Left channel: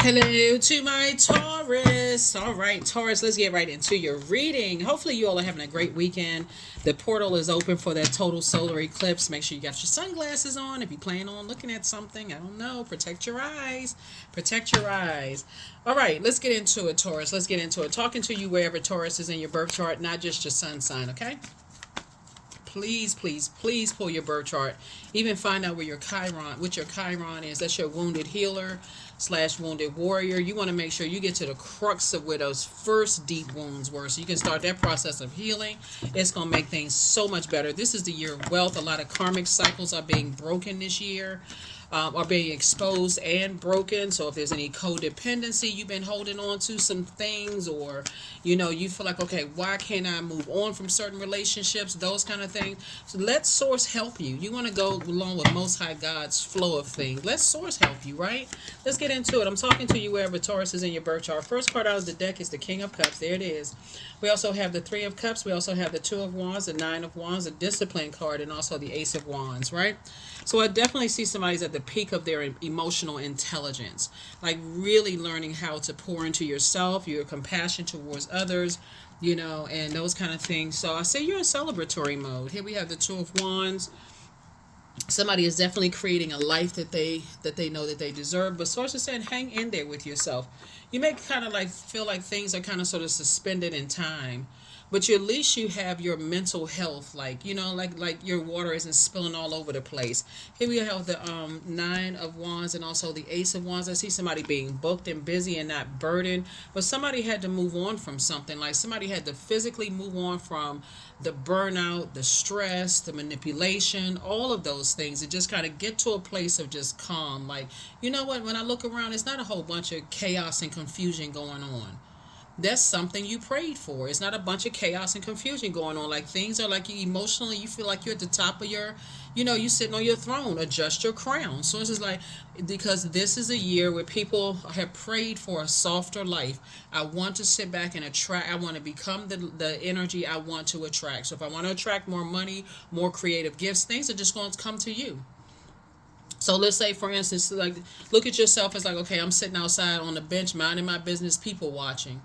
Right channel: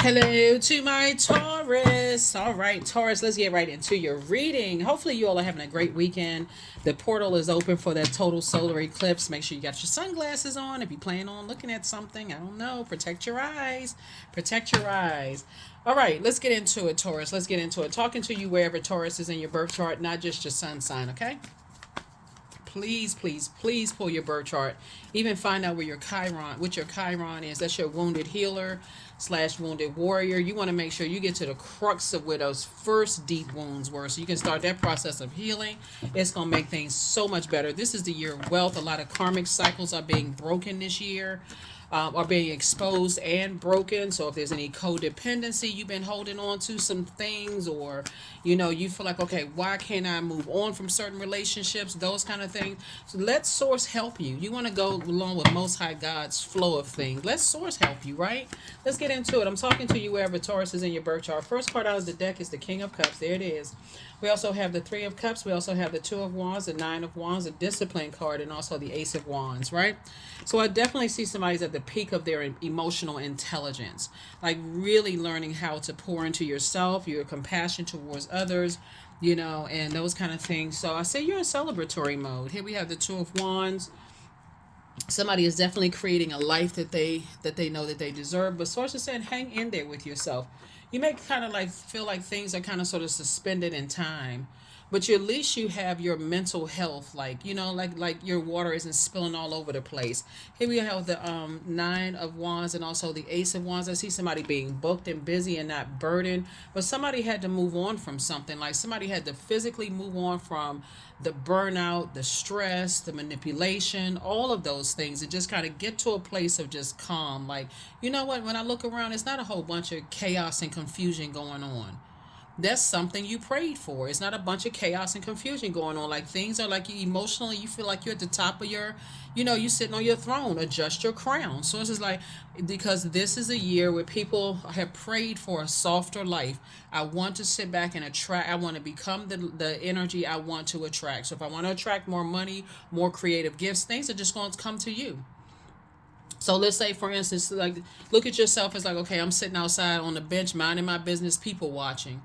Hello to my Taurus. All right, Taurus, let's get right into your reading. Hopefully, you all are having a great weekend. The portal is open for that total solar eclipse. Make sure you got your sunglasses on if you plan on looking at something. I don't know. Protect your eyes. Protect your eyes. All right, let's get into it, Taurus. Let's get into it. Talking to you wherever Taurus is in your birth chart, not just your sun sign, okay? Please, please, please pull your birth chart. Even find out where your Chiron, what your Chiron is. That's your wounded healer slash wounded warrior. You want to make sure you get to the crux of where those first deep wounds were, so you can start that process of healing. It's going to make things so much better. This is the year of wealth. A lot of karmic cycles are being broken this year. Are being exposed and broken. So if there's any codependency you've been holding on to some things, or you feel like, okay, why can't I move on from certain relationships, those kind of things. So let source help you. You want to go along with Most High God's flow of things. Let source help you, right? Let's get into it. I'm talking to you wherever Taurus is in your birth chart. First card out of the deck is the King of Cups. There it is. We also have the Three of Cups. We also have the Two of Wands, the Nine of Wands, the Discipline card, and also the Ace of Wands, right? So I definitely see somebody's at the peak of their emotional intelligence, like really learning how to pour into yourself, your compassion towards others, and those kind of things. So I say you're in celebratory mode. Here we have the Two of Wands. Somebody is definitely creating a life that they know that they deserve. But source is saying, hang in there with yourself. You may kind of like feel like things are kind of sort of suspended in time, but at least you have your mental health, like like your water isn't spilling all over the place. Here we have the Nine of Wands and also the Ace of Wands. I see somebody being booked and busy and not burdened, but somebody had to move on from something. Like somebody had to physically move on from the burnout, the stress, the manipulation, all of those things, and just kind of get to a place of just calm. Like, you know what, when I look around, it's not a whole bunch of chaos and confusion going on. That's something you prayed for. It's not a bunch of chaos and confusion going on. Like things are like you emotionally, you feel like you're at the top of your, you sitting on your throne. Adjust your crown. So it's just like, because this is a year where people have prayed for a softer life. I want to sit back and attract. I want to become the energy I want to attract. So if I want to attract more money, more creative gifts, things are just going to come to you. So let's say, for instance, like look at yourself as like, okay, I'm sitting outside on the bench minding my business, people watching.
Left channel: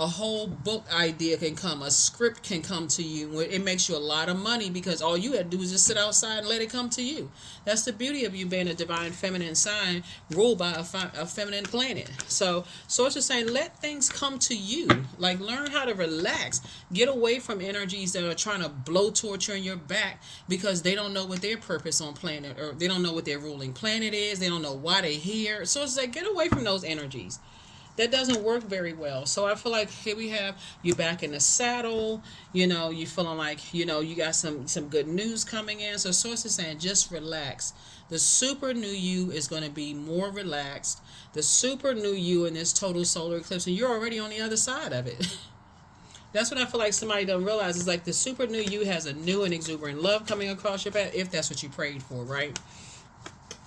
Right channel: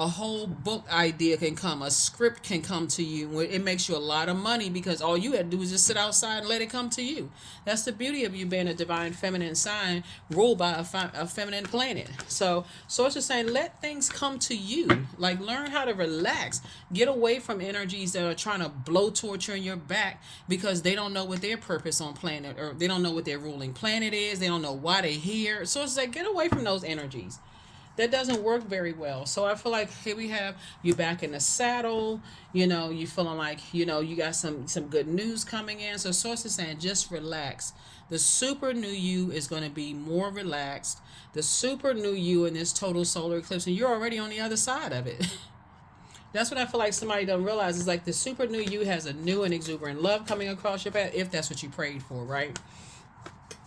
A whole book idea can come, a script can come to you. It makes you a lot of money because all you had to do is just sit outside and let it come to you. That's the beauty of you being a divine feminine sign ruled by a feminine planet. So source is saying, let things come to you. Like learn how to relax. Get away from energies that are trying to blow torture in your back because they don't know what their purpose on planet, or they don't know what their ruling planet is. They don't know why they're here. So it's like, get away from those energies. That doesn't work very well. So I feel like here we have you back in the saddle. You feeling like you got some good news coming in. So source is saying, just relax. The super new you is going to be more relaxed. The super new you in this total solar eclipse, and you're already on the other side of it. That's what I feel like somebody don't realize is like the super new you has a new and exuberant love coming across your path, if that's what you prayed for, right?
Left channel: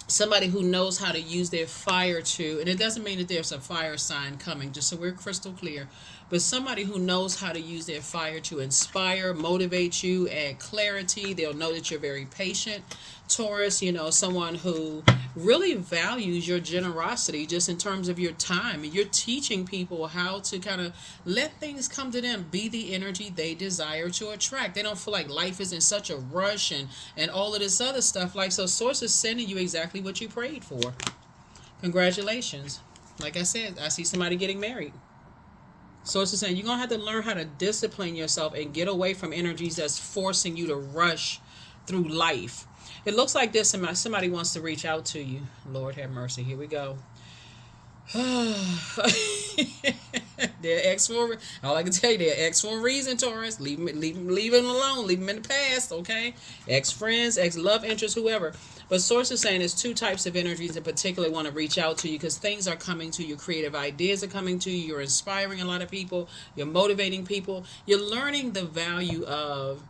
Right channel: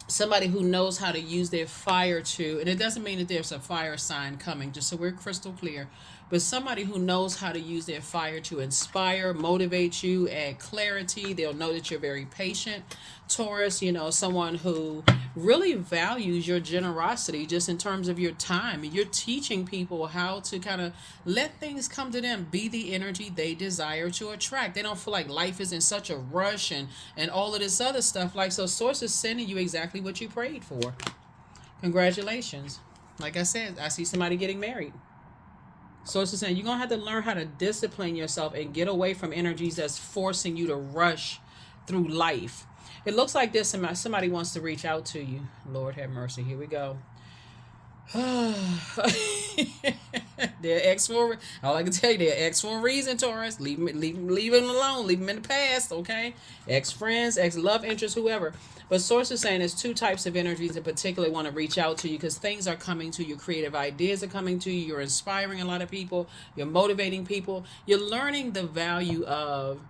Somebody who knows how to use their fire to, and it doesn't mean that there's a fire sign coming, just so we're crystal clear, but somebody who knows how to use their fire to inspire, motivate you, add clarity. They'll know that you're very patient. Taurus, someone who really values your generosity just in terms of your time. And you're teaching people how to kind of let things come to them, be the energy they desire to attract. They don't feel like life is in such a rush and all of this other stuff. Like, so source is sending you exactly what you prayed for. Congratulations. Like I said, I see somebody getting married. So it's just saying you're going to have to learn how to discipline yourself and get away from energies that's forcing you to rush through life. It looks like this. Somebody wants to reach out to you. Lord have mercy. Here we go. They're X for, all I can tell you, they're X for a reason, Taurus. Leave them alone. Leave them in the past, okay? Ex friends, ex love interest, whoever. But source is saying there's two types of energies in particular want to reach out to you because things are coming to you. Creative ideas are coming to you. You're inspiring a lot of people. You're motivating people. You're learning the value of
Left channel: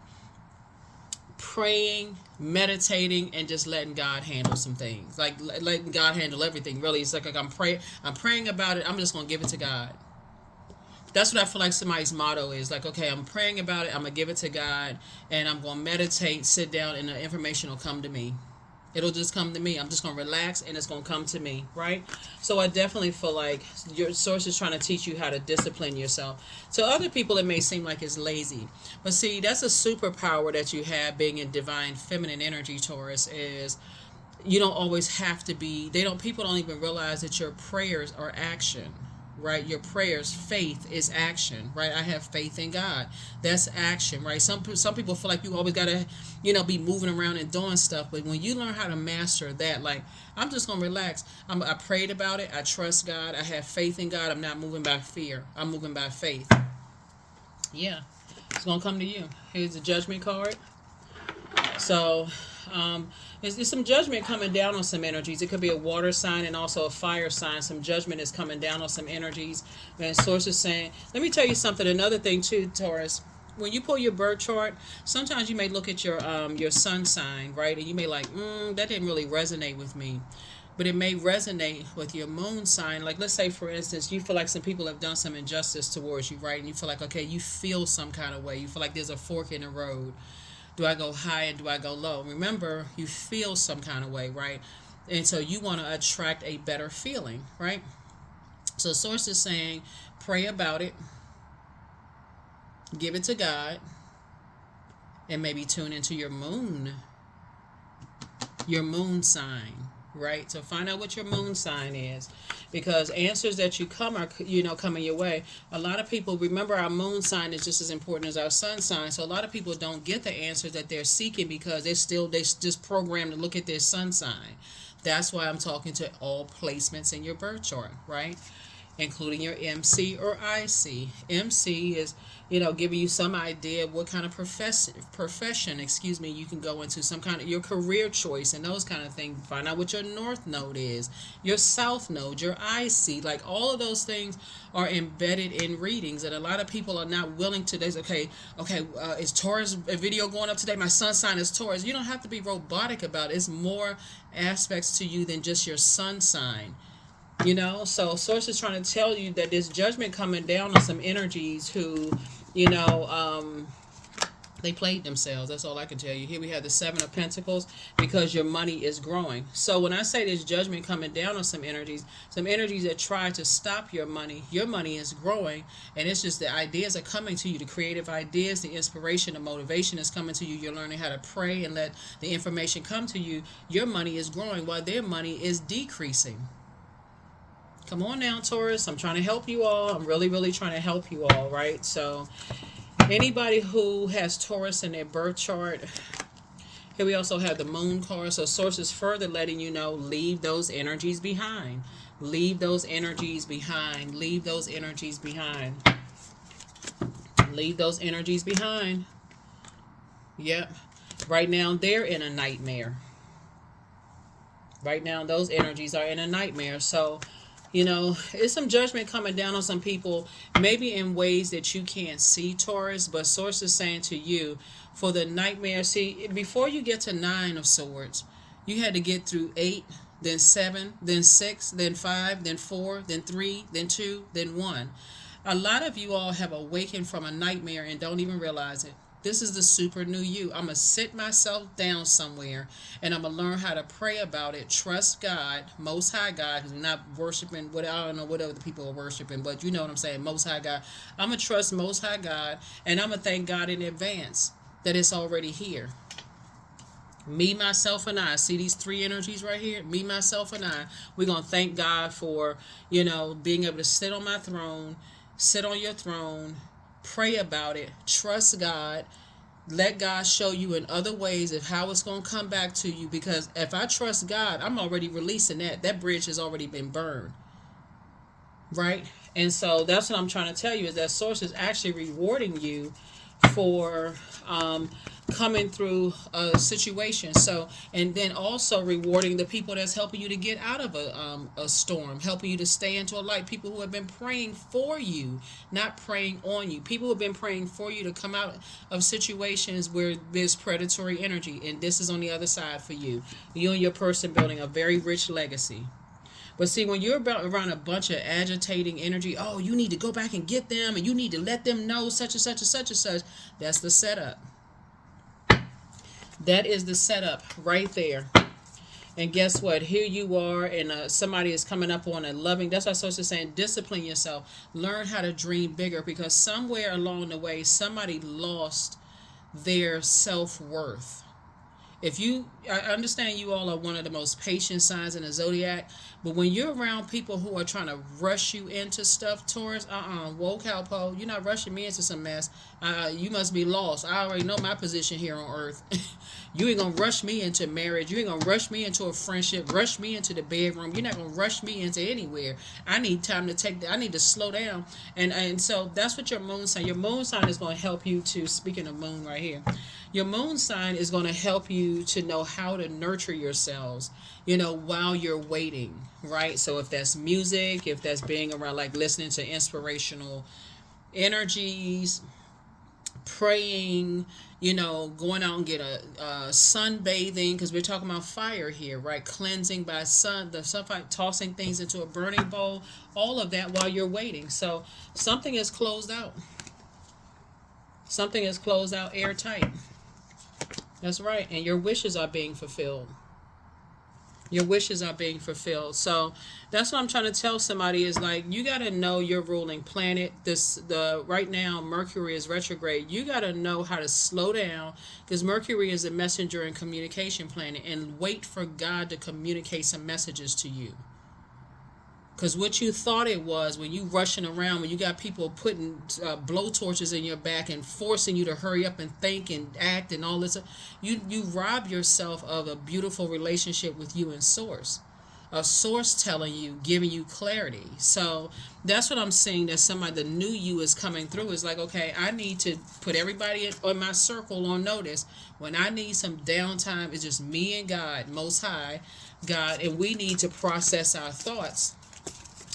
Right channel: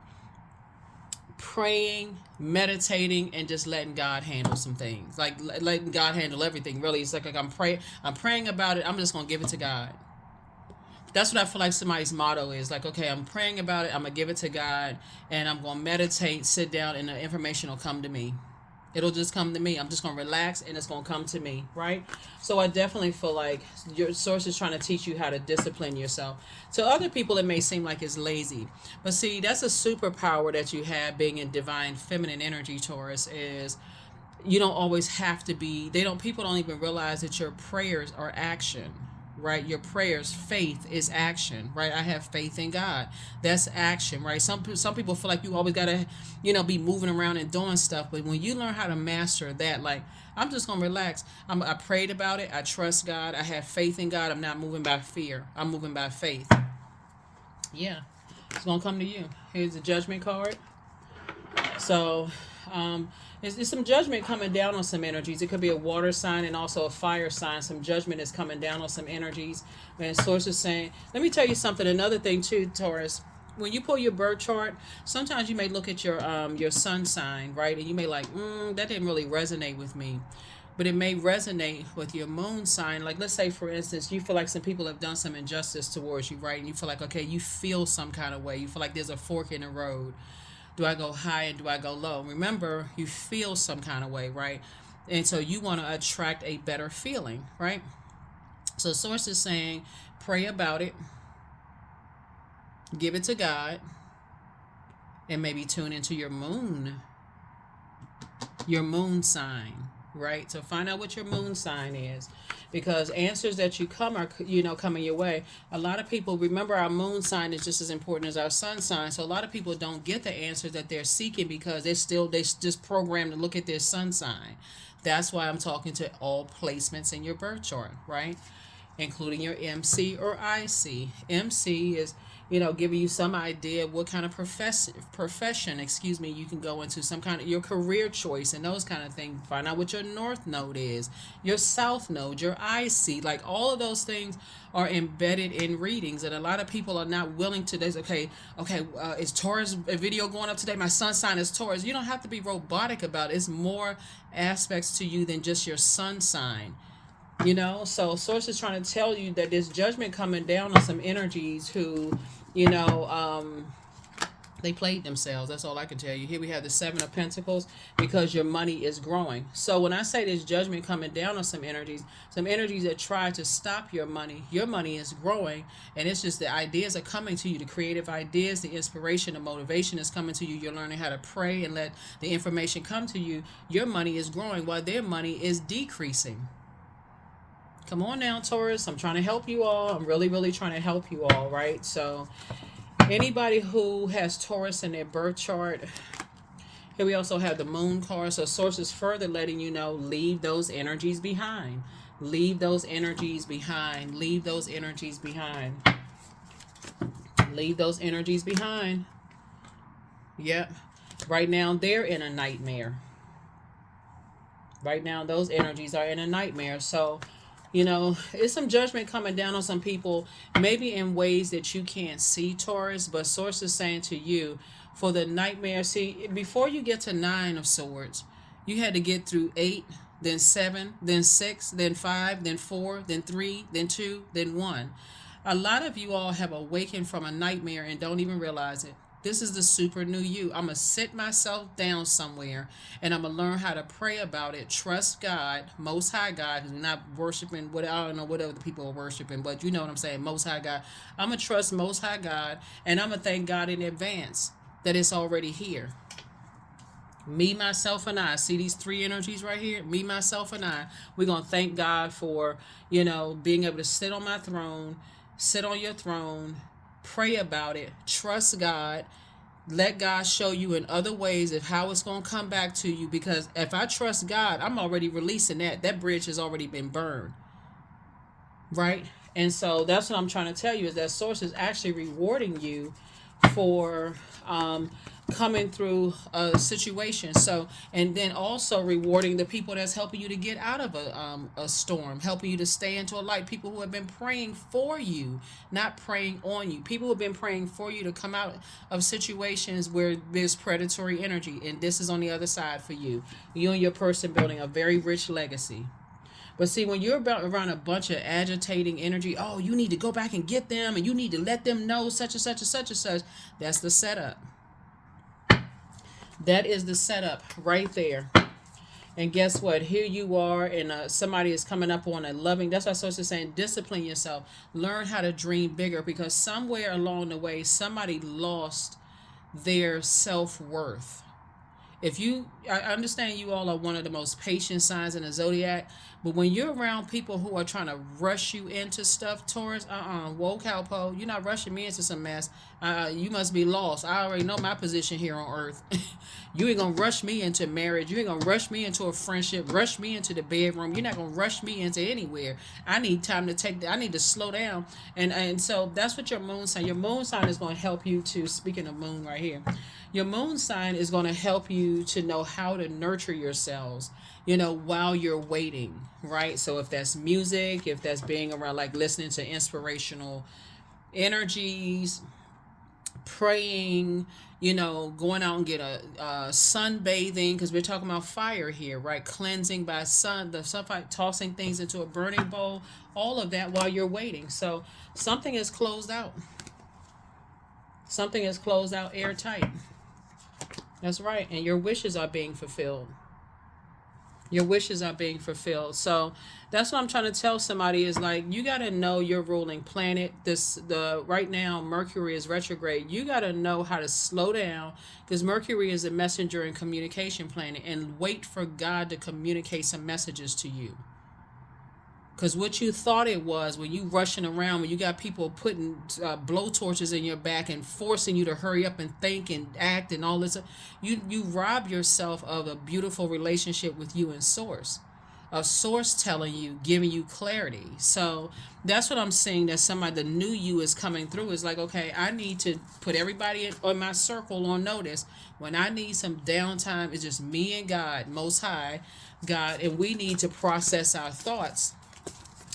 praying, meditating, and just letting God handle some things. Like letting God handle everything. Really, it's like I'm praying about it. I'm just gonna give it to God. That's what I feel like somebody's motto is. Like, okay, I'm praying about it. I'm gonna give it to God, and I'm gonna meditate, sit down, and the information will come to me. It'll just come to me. I'm just going to relax and it's going to come to me, right? So I definitely feel like your source is trying to teach you how to discipline yourself. To other people, it may seem like it's lazy. But see, that's a superpower that you have being in divine feminine energy, Taurus, is you don't always have to be, people don't even realize that your prayers are action, right? Your prayers, faith is action, right? I have faith in God. That's action, right? Some people feel like you always gotta, be moving around and doing stuff. But when you learn how to master that, like, I'm just gonna relax. I prayed about it. I trust God. I have faith in God. I'm not moving by fear. I'm moving by faith. Yeah, it's gonna come to you. Here's the Judgment card. So, there's some judgment coming down on some energies. It could be a water sign and also a fire sign. Some judgment is coming down on some energies. And source is saying, let me tell you something. Another thing too, Taurus. When you pull your birth chart, sometimes you may look at your sun sign, right, and you may like, that didn't really resonate with me. But it may resonate with your moon sign. Like, let's say, for instance, you feel like some people have done some injustice towards you, right? And you feel like, okay, you feel some kind of way. You feel like there's a fork in the road. Do I go high and do I go low? Remember, you feel some kind of way, right? And so you want to attract a better feeling, right? So source is saying, pray about it, give it to God, and maybe tune into your moon sign, right? So find out what your moon sign is, because answers that you come are, coming your way. A lot of people, remember, our moon sign is just as important as our sun sign. So a lot of people don't get the answers that they're seeking because they just programmed to look at their sun sign. That's why I'm talking to all placements in your birth chart, right? Including your MC or IC. MC is, giving you some idea of what kind of profession, you can go into, some kind of your career choice and those kind of things. Find out what your north node is, your south node, your IC. Like, all of those things are embedded in readings, and a lot of people are not willing to. Is Taurus a video going up today? My sun sign is Taurus. You don't have to be robotic about it. It's more aspects to you than just your sun sign. So source is trying to tell you that there's judgment coming down on some energies who, they played themselves. That's all I can tell you. Here we have the Seven of Pentacles, because your money is growing. So when I say there's judgment coming down on some energies that try to stop your money is growing, and it's just the ideas are coming to you, the creative ideas, the inspiration, the motivation is coming to you. You're learning how to pray and let the information come to you. Your money is growing while their money is decreasing. Come on now, Taurus. I'm trying to help you all. I'm really, really trying to help you all, right? So anybody who has Taurus in their birth chart, here we also have the moon card. So source is further letting you know, leave those energies behind. Leave those energies behind. Leave those energies behind. Leave those energies behind. Yep. Right now, they're in a nightmare. Right now, those energies are in a nightmare. So, it's some judgment coming down on some people, maybe in ways that you can't see, Taurus, but source is saying to you, for the nightmare, see, before you get to 9 of Swords, you had to get through 8, then 7, then 6, then 5, then 4, then 3, then 2, then 1. A lot of you all have awakened from a nightmare and don't even realize it. This is the super new you. I'm going to sit myself down somewhere and I'm going to learn how to pray about it. Trust God, Most High God, because we're not worshiping, I don't know what other people are worshiping, but you know what I'm saying, Most High God. I'm going to trust Most High God, and I'm going to thank God in advance that it's already here. Me, myself, and I. See these 3 energies right here? Me, myself, and I. We're going to thank God for, being able to sit on my throne, sit on your throne, pray about it, trust God, let God show you in other ways of how it's going to come back to you, because if I trust God, I'm already releasing that bridge has already been burned, right? And so that's what I'm trying to tell you, is that source is actually rewarding you for coming through a situation. So, and then also rewarding the people that's helping you to get out of a storm, helping you to stay into a light. People who have been praying for you, not praying on you. People who have been praying for you to come out of situations where there's predatory energy, and this is on the other side for you. You and your person building a very rich legacy. But see, when you're around a bunch of agitating energy, oh, you need to go back and get them, and you need to let them know such and such and such and such. That's the setup. That is the setup right there. And guess what? Here you are, and somebody is coming up on a loving. That's why Source is saying, discipline yourself. Learn how to dream bigger, because somewhere along the way, somebody lost their self worth. If you, I understand you all are one of the most patient signs in the zodiac, but when you're around people who are trying to rush you into stuff, Taurus, whoa, cowpo, you're not rushing me into some mess. You must be lost. I already know my position here on earth. You ain't gonna rush me into marriage. You ain't gonna rush me into a friendship. Rush me into the bedroom. You're not gonna rush me into anywhere. I need time to I need to slow down, and so that's what your moon sign. Your moon sign is gonna help you to. Speaking of moon, right here. Your moon sign is going to help you to know how to nurture yourselves, while you're waiting, right? So if that's music, if that's being around, like listening to inspirational energies, praying, going out and get a sunbathing, because we're talking about fire here, right? Cleansing by the sunfire, tossing things into a burning bowl, all of that while you're waiting. So something is closed out. Something is closed out airtight. That's right. And your wishes are being fulfilled. Your wishes are being fulfilled. So that's what I'm trying to tell somebody is like, you got to know your ruling planet. Right now, Mercury is retrograde. You got to know how to slow down, because Mercury is a messenger and communication planet, and wait for God to communicate some messages to you. Because what you thought it was, when you rushing around, when you got people putting blowtorches in your back and forcing you to hurry up and think and act and all this, you rob yourself of a beautiful relationship with you and Source. A Source telling you, giving you clarity. So that's what I'm seeing, that somebody, the new you is coming through. Is like, okay, I need to put everybody on my circle on notice. When I need some downtime, it's just me and God, Most High, God, and we need to process our thoughts.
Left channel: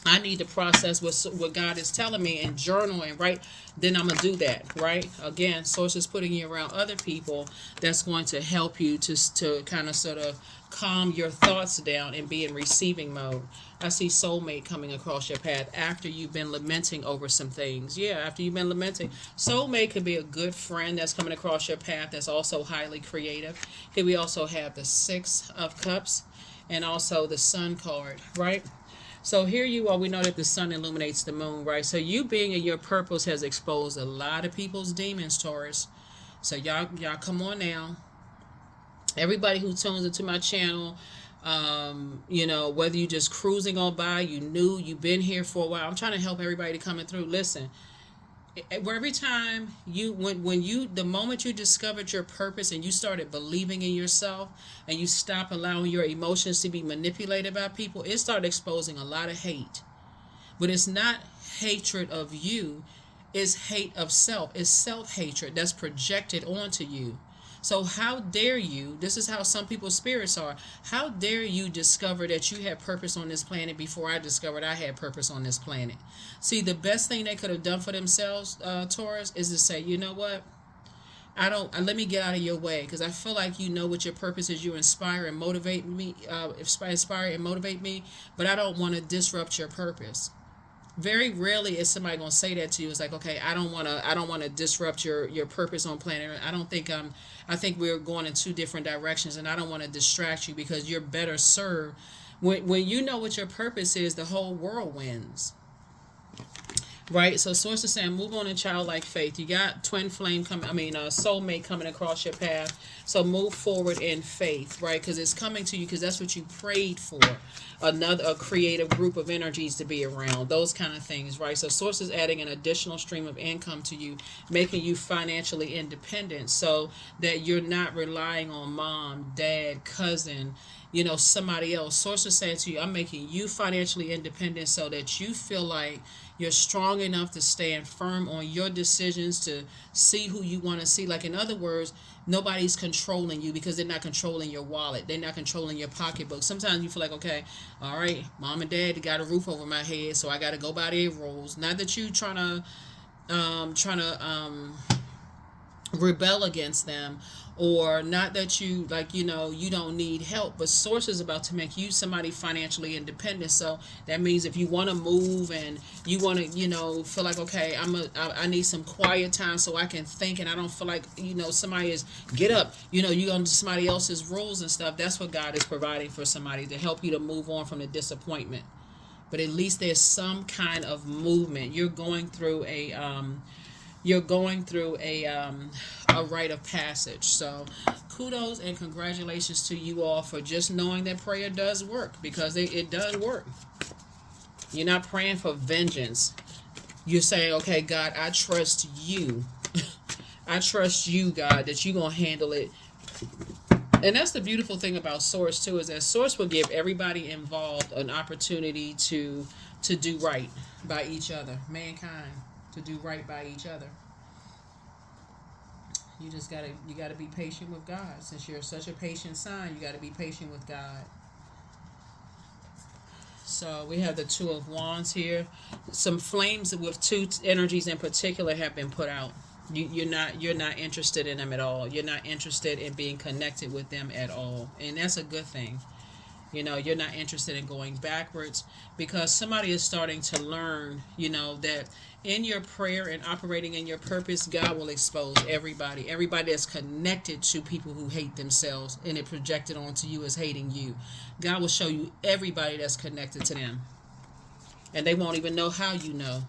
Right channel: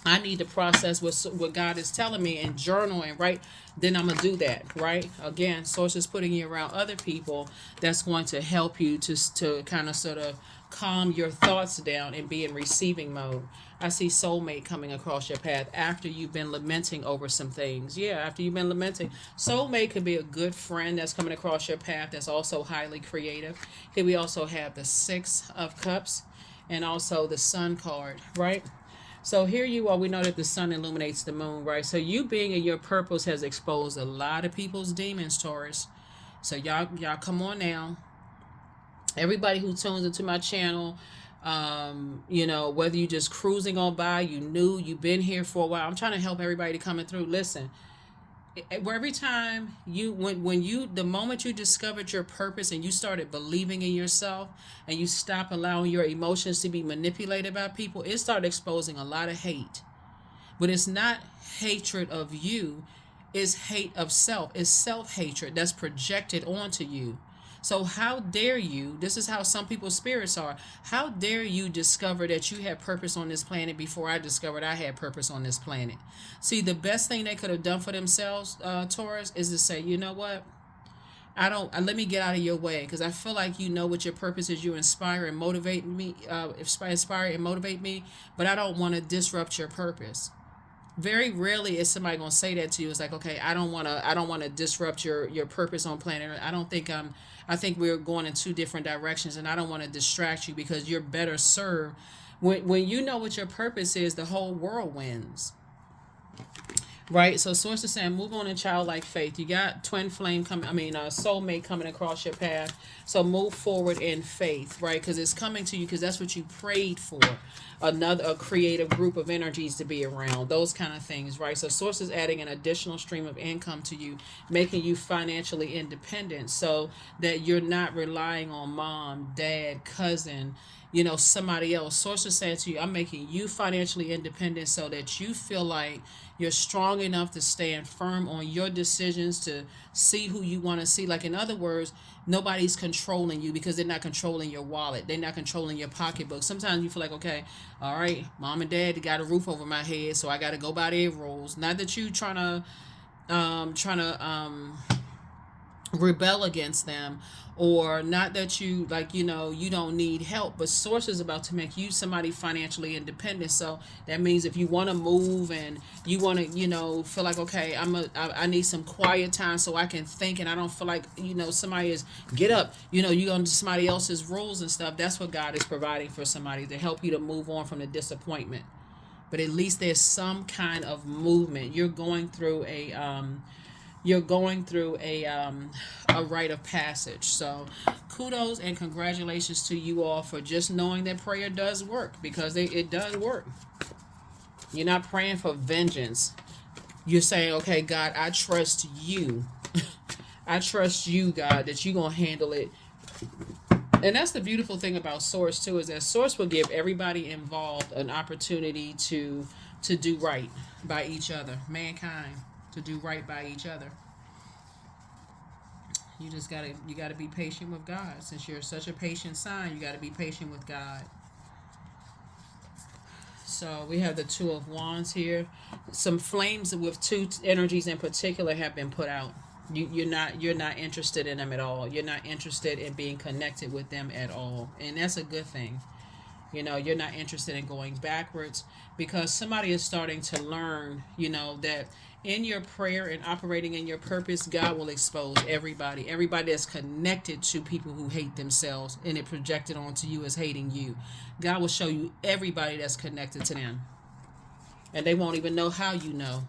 I need to process what God is telling me and journaling, right? Then I'm going to do that, right? Again, Source is putting you around other people that's going to help you to kind of sort of calm your thoughts down and be in receiving mode. I see soulmate coming across your path after you've been lamenting over some things. Yeah, after you've been lamenting. Soulmate could be a good friend that's coming across your path that's also highly creative. Here we also have the Six of Cups and also the Sun card, right? So here you are. We know that the sun illuminates the moon, right? So you being in your purpose has exposed a lot of people's demons, Taurus. So y'all come on now. Everybody who tunes into my channel, whether you just cruising on by, you've been here for a while. I'm trying to help everybody coming through. Listen, every time the moment you discovered your purpose and you started believing in yourself and you stop allowing your emotions to be manipulated by people, it started exposing a lot of hate. But it's not hatred of you, it's hate of self. It's self-hatred that's projected onto you. So how dare you, this is how some people's spirits are, how dare you discover that you had purpose on this planet before I discovered I had purpose on this planet? See, the best thing they could have done for themselves, Taurus, is to say, you know what? Let me get out of your way, because I feel like you know what your purpose is. You inspire and motivate me, inspire and motivate me, but I don't want to disrupt your purpose. Very rarely is somebody gonna say that to you. It's like, okay, I don't wanna disrupt your purpose on planet Earth. I think we're going in two different directions, and I don't want to distract you, because you're better served when you know what your purpose is. The whole world wins. Right, so Source is saying, move on in childlike faith. You got twin flame soulmate coming across your path. So move forward in faith, right? Because it's coming to you, because that's what you prayed for. A creative group of energies to be around, those kind of things, right? So Source is adding an additional stream of income to you, making you financially independent, so that you're not relying on mom, dad, cousin, somebody else. Source is saying to you, I'm making you financially independent so that you feel like you're strong enough to stand firm on your decisions, to see who you want to see. Like, in other words, nobody's controlling you, because they're not controlling your wallet. They're not controlling your pocketbook. Sometimes you feel like, okay, all right, mom and dad got a roof over my head, so I got to go by their rules. Not that you trying to rebel against them, or not that you like, you don't need help, but source is about to make you somebody financially independent. So that means if you want to move and you want to, feel like, okay, I need some quiet time so I can think, and I don't feel like, somebody is get up, you go into somebody else's rules and stuff. That's what God is providing for somebody to help you to move on from the disappointment. But at least there's some kind of movement. You're going through a rite of passage. So kudos and congratulations to you all for just knowing that prayer does work, because it does work. You're not praying for vengeance. You're saying, okay, God, I trust you. I trust you, God, that you're going to handle it. And that's the beautiful thing about Source, too, is that Source will give everybody involved an opportunity to do right by each other. Mankind, to do right by each other. You gotta be patient with God. Since you're such a patient sign, you gotta be patient with God. So we have the Two of Wands here. Some flames with two energies in particular have been put out. You're not interested in them at all. You're not interested in being connected with them at all, and that's a good thing. You're not interested in going backwards, because somebody is starting to learn, that in your prayer and operating in your purpose, God will expose everybody that's connected to people who hate themselves, and it projected onto you as hating you. God will show you everybody that's connected to them, and they won't even know how you know.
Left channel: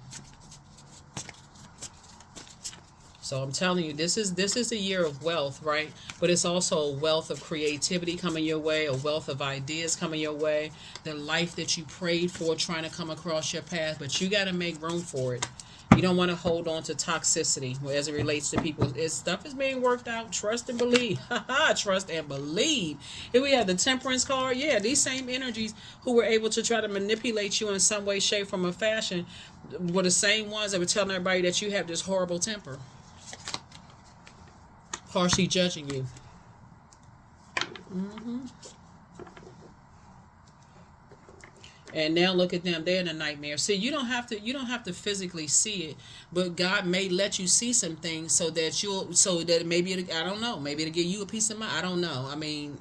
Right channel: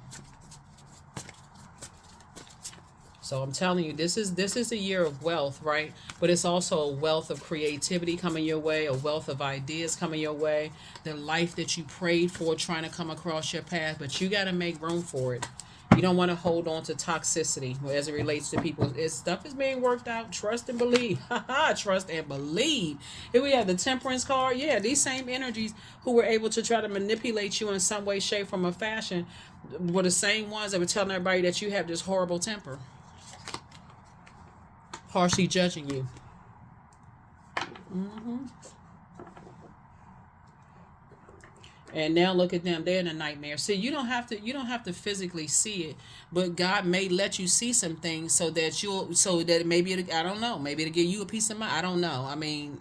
So I'm telling you, this is a year of wealth, right? But it's also a wealth of creativity coming your way, a wealth of ideas coming your way, the life that you prayed for trying to come across your path, but you got to make room for it. You don't want to hold on to toxicity as it relates to people. Stuff is being worked out. Trust and believe. Trust and believe. Here we have the Temperance card. Yeah, these same energies who were able to try to manipulate you in some way, shape, form, or fashion were the same ones that were telling everybody that you have this horrible temper, harshly judging you. And now look at them; they're in a nightmare. See, you don't have to physically see it, but God may let you see some things so that maybe I don't know, maybe it'll give you a peace of mind. I don't know. I mean,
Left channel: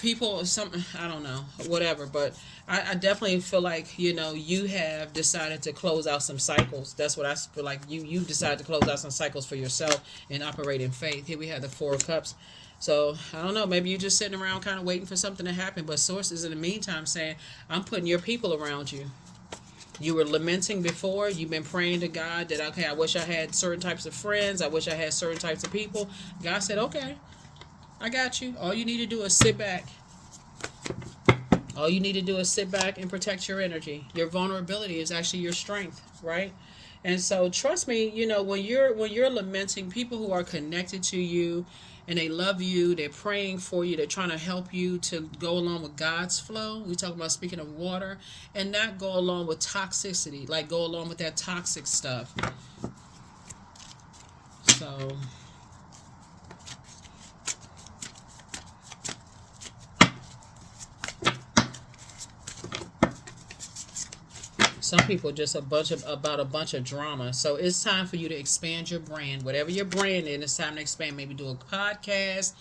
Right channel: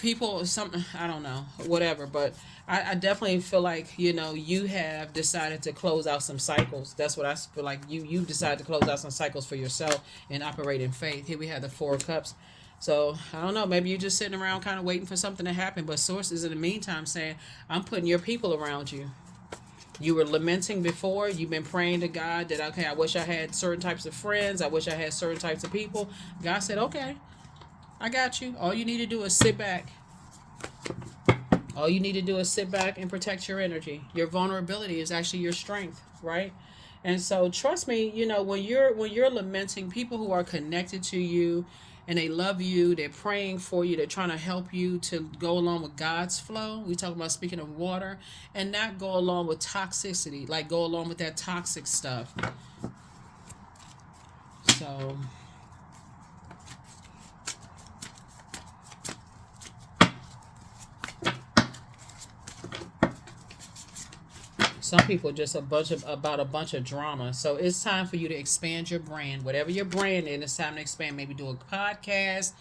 people, some, I don't know, whatever. But I definitely feel like you have decided to close out some cycles. That's what I feel like. You decided to close out some cycles for yourself and operate in faith. Here we have the Four of Cups. So I don't know, maybe you're just sitting around kind of waiting for something to happen, but Source is in the meantime saying, I'm putting your people around you. You were lamenting before. You've been praying to God that, okay, I wish I had certain types of friends. I wish I had certain types of people. God said, okay, I got you. All you need to do is sit back. All you need to do is sit back and protect your energy. Your vulnerability is actually your strength, right? And so trust me, when you're lamenting, people who are connected to you and they love you, they're praying for you, they're trying to help you to go along with God's flow. We talk about, speaking of water, and not go along with toxicity, like go along with that toxic stuff. So some people just about a bunch of drama. So it's time for you to expand your brand. Whatever your brand is, it's time to expand. Maybe do a podcast,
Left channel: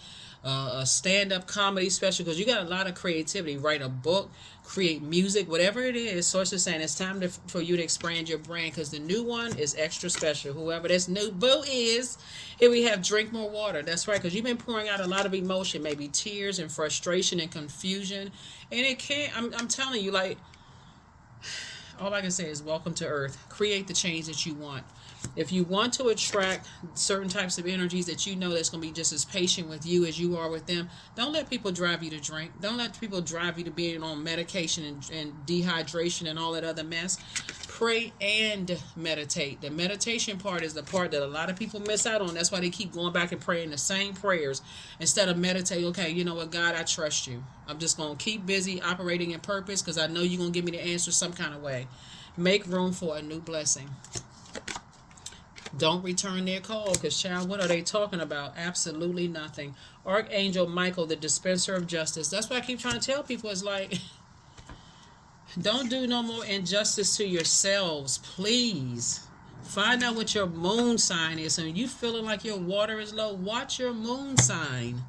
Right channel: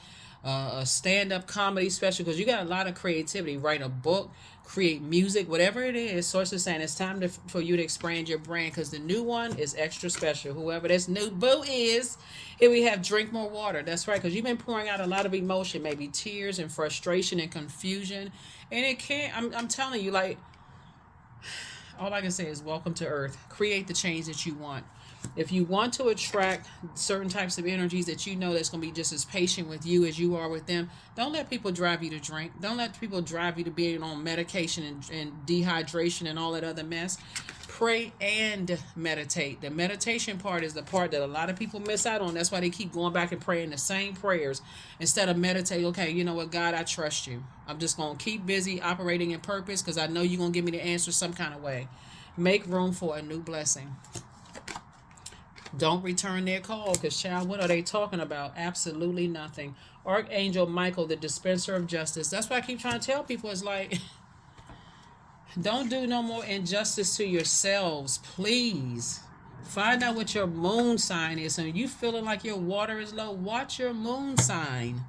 a stand-up comedy special, because you got a lot of creativity. Write a book, create music, whatever it is. Source is saying it's time for you to expand your brand, because the new one is extra special. Whoever this new boo is, here we have drink more water. That's right, because you've been pouring out a lot of emotion, maybe tears and frustration and confusion, and it can't. I'm telling you, like, all I can say is welcome to Earth. Create the change that you want. If you want to attract certain types of energies that you know that's going to be just as patient with you as you are with them, don't let people drive you to drink. Don't let people drive you to being on medication and dehydration and all that other mess. Pray and meditate. The meditation part is the part that a lot of people miss out on. That's why they keep going back and praying the same prayers instead of meditate. Okay, you know what, God, I trust you. I'm just going to keep busy operating in purpose because I know you're going to give me the answer some kind of way. Make room for a new blessing. Don't return their call, because, child, what are they talking about? Absolutely nothing. Archangel Michael, the dispenser of justice. That's why I keep trying to tell people, it's like, don't do no more injustice to yourselves, please. Find out what your moon sign is. And you feeling like your water is low, watch your moon sign.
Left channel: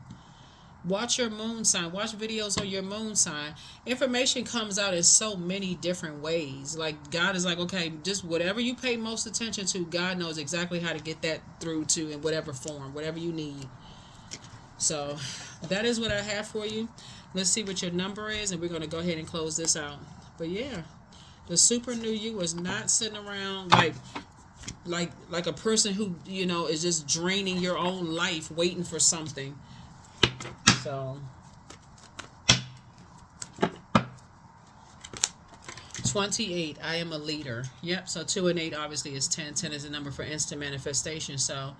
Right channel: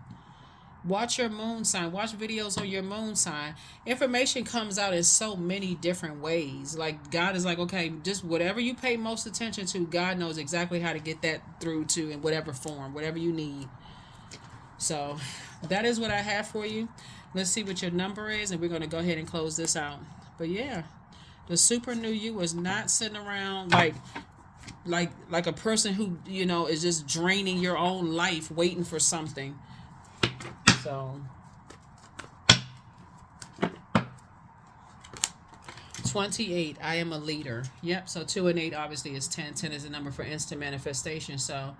Watch your moon sign. Watch videos on your moon sign. Information comes out in so many different ways. Like God is like, okay, just whatever you pay most attention to, God knows exactly how to get that through to in whatever form, whatever you need. So that is what I have for you. Let's see what your number is, and we're going to go ahead and close this out. But yeah, the super new you is not sitting around like a person who, you know, is just draining your own life waiting for something. So 28, I am a leader. Yep, so 2 and 8 obviously is 10. 10 is the number for instant manifestation. So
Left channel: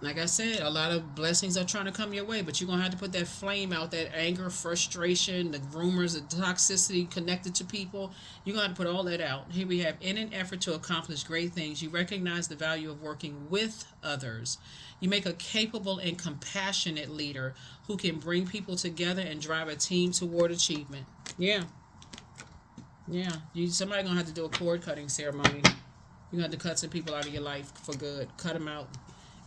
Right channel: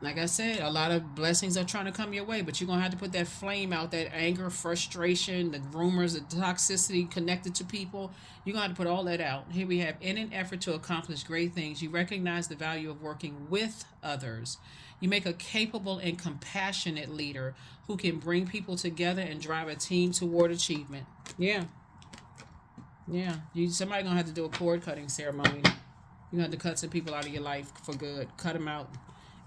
like I said, a lot of blessings are trying to come your way, but you're going to have to put that flame out, that anger, frustration, the rumors, the toxicity connected to people. You're going to have to put all that out. Here we have, in an effort to accomplish great things, you recognize the value of working with others. You make a capable and compassionate leader who can bring people together and drive a team toward achievement. Yeah. Yeah. Somebody going to have to do a cord cutting ceremony. You're going to have to cut some people out of your life for good. Cut them out.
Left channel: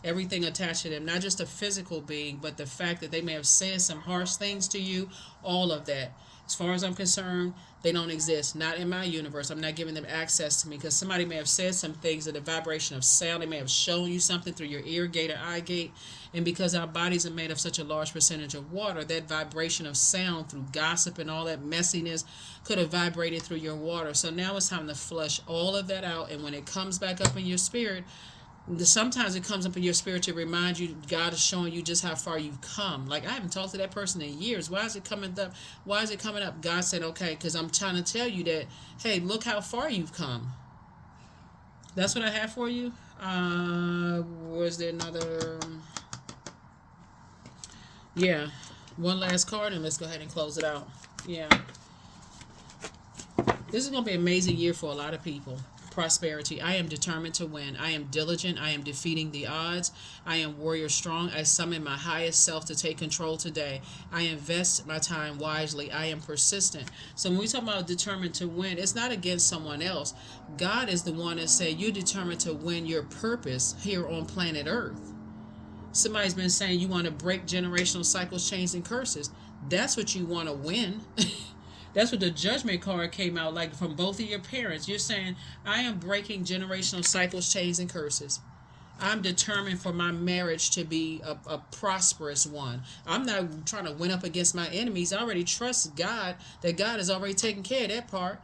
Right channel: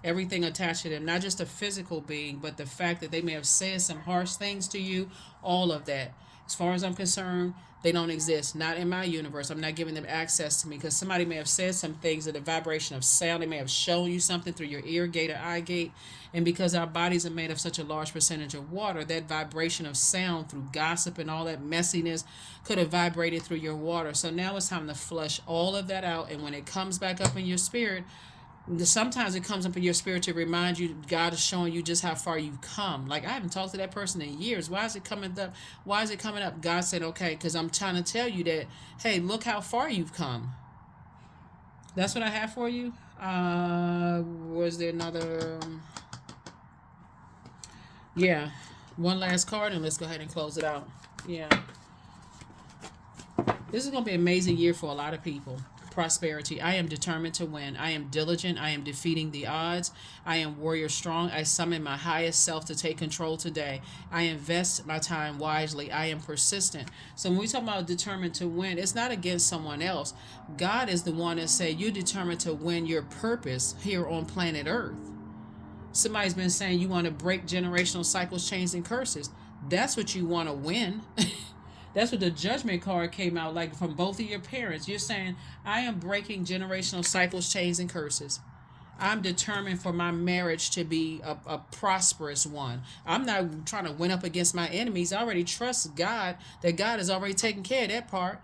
Everything attached to them, not just a physical being, but the fact that they may have said some harsh things to you, all of that. As far as I'm concerned, they don't exist. Not in my universe. I'm not giving them access to me, because somebody may have said some things in the vibration of sound. They may have shown you something through your ear gate or eye gate. And because our bodies are made of such a large percentage of water, that vibration of sound through gossip and all that messiness could have vibrated through your water. So now it's time to flush all of that out. And when it comes back up in your spirit, sometimes it comes up in your spirit to remind you God is showing you just how far you've come. Like, I haven't talked to that person in years. Why is it coming up? Why is it coming up? God said, okay, because I'm trying to tell you that, hey, look how far you've come. That's what I have for you. Was there another? Yeah, one last card, and let's go ahead and close it out. Yeah, this is going to be an amazing year for a lot of people. Prosperity. I am determined to win. I am diligent. I am defeating the odds. I am warrior strong. I summon my highest self to take control today. I invest my time wisely. I am persistent. So when we talk about determined to win, it's not against someone else. God is the one that said you're determined to win your purpose here on planet Earth. Somebody's been saying you want to break generational cycles, chains, and curses. That's what you want to win. That's what the judgment card came out like from both of your parents. You're saying, I am breaking generational cycles, chains, and curses. I'm determined for my marriage to be a prosperous one. I'm not trying to win up against my enemies. I already trust God, that God has already taken care of that part.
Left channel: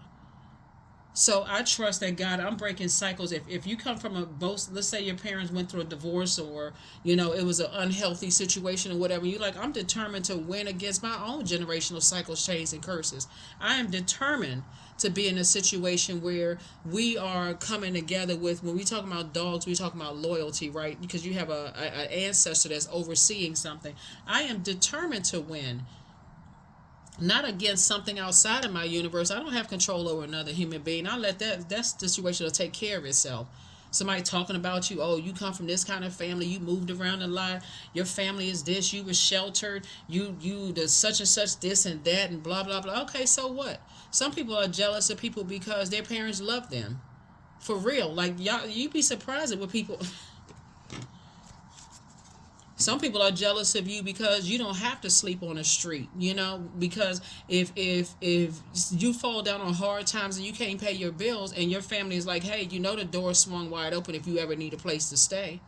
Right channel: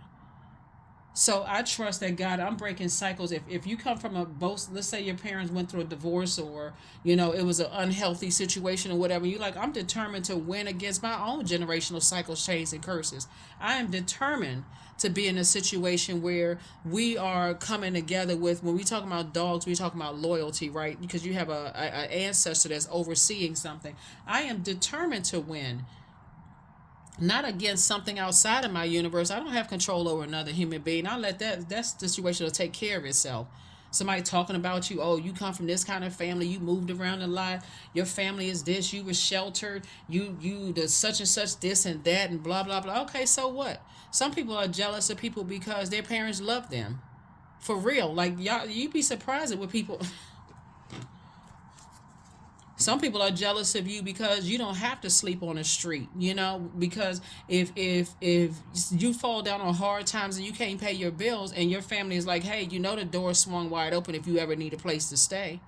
So I trust that God, I'm breaking cycles. If you come from both, let's say your parents went through a divorce, or, you know, it was an unhealthy situation or whatever, you're like, I'm determined to win against my own generational cycles, chains, and curses. I am determined to be in a situation where we are coming together with, when we talk about dogs, we talk about loyalty, right? Because you have a ancestor that's overseeing something. I am determined to win. Not against something outside of my universe. I don't have control over another human being. I'll let that situation will take care of itself. Somebody talking about you, oh, you come from this kind of family, you moved around a lot, your family is this, you were sheltered, you the such and such this and that and blah blah blah. Okay, so what? Some people are jealous of people because their parents love them. For real. Like, y'all, you'd be surprised at what people some people are jealous of you because you don't have to sleep on the street, you know, because if you fall down on hard times and you can't pay your bills, and your family is like, hey, you know, the door swung wide open if you ever need a place to stay.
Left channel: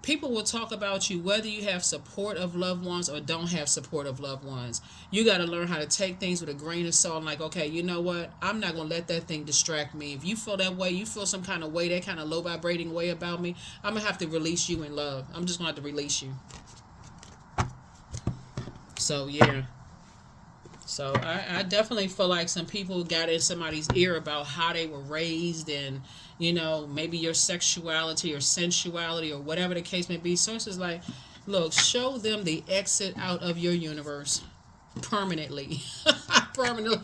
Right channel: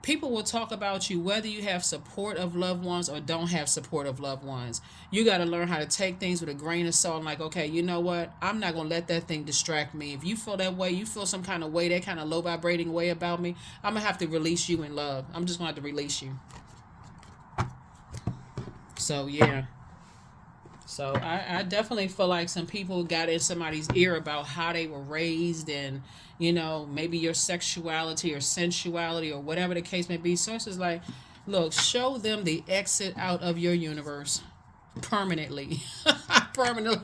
People will talk about you whether you have support of loved ones or don't have support of loved ones. You got to learn how to take things with a grain of salt, and like, okay, you know what? I'm not going to let that thing distract me. If you feel that way, you feel some kind of way, that kind of low vibrating way about me, I'm going to have to release you in love. I'm just going to have to release you. So, yeah. So, I definitely feel like some people got in somebody's ear about how they were raised, and, you know, maybe your sexuality or sensuality or whatever the case may be. So it's just like, look, show them the exit out of your universe permanently. permanently.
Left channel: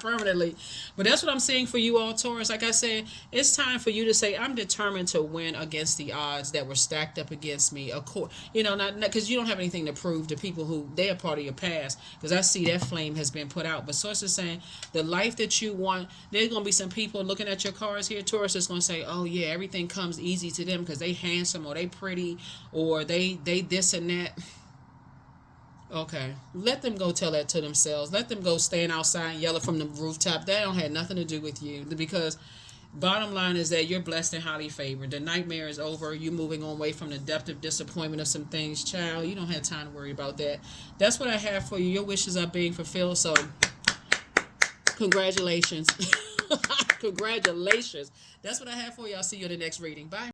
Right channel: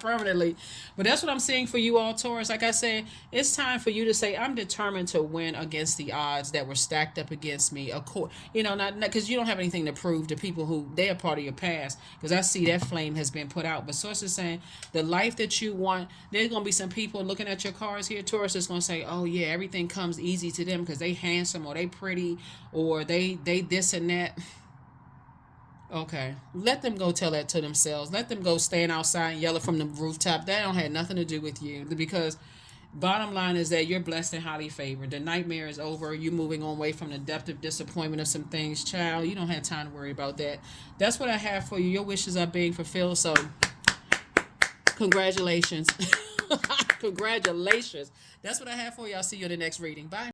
Permanently. But that's what I'm saying for you all, Taurus. Like I said, it's time for you to say, I'm determined to win against the odds that were stacked up against me. Of course, not because you don't have anything to prove to people who they are part of your past. Because I see that flame has been put out. But Source is saying the life that you want, there's going to be some people looking at your cards here, Taurus, is going to say, oh yeah, everything comes easy to them because they handsome or they pretty or they this and that. Okay, let them go tell that to themselves. Let them go stand outside and yell it from the rooftop. That don't have nothing to do with you, because bottom line is that you're blessed and highly favored. The nightmare is over. You're moving on away from the depth of disappointment of some things, child. You don't have time to worry about that. That's what I have for you. Your wishes are being fulfilled. So, congratulations. Congratulations. That's what I have for you. I'll see you in the next reading. Bye.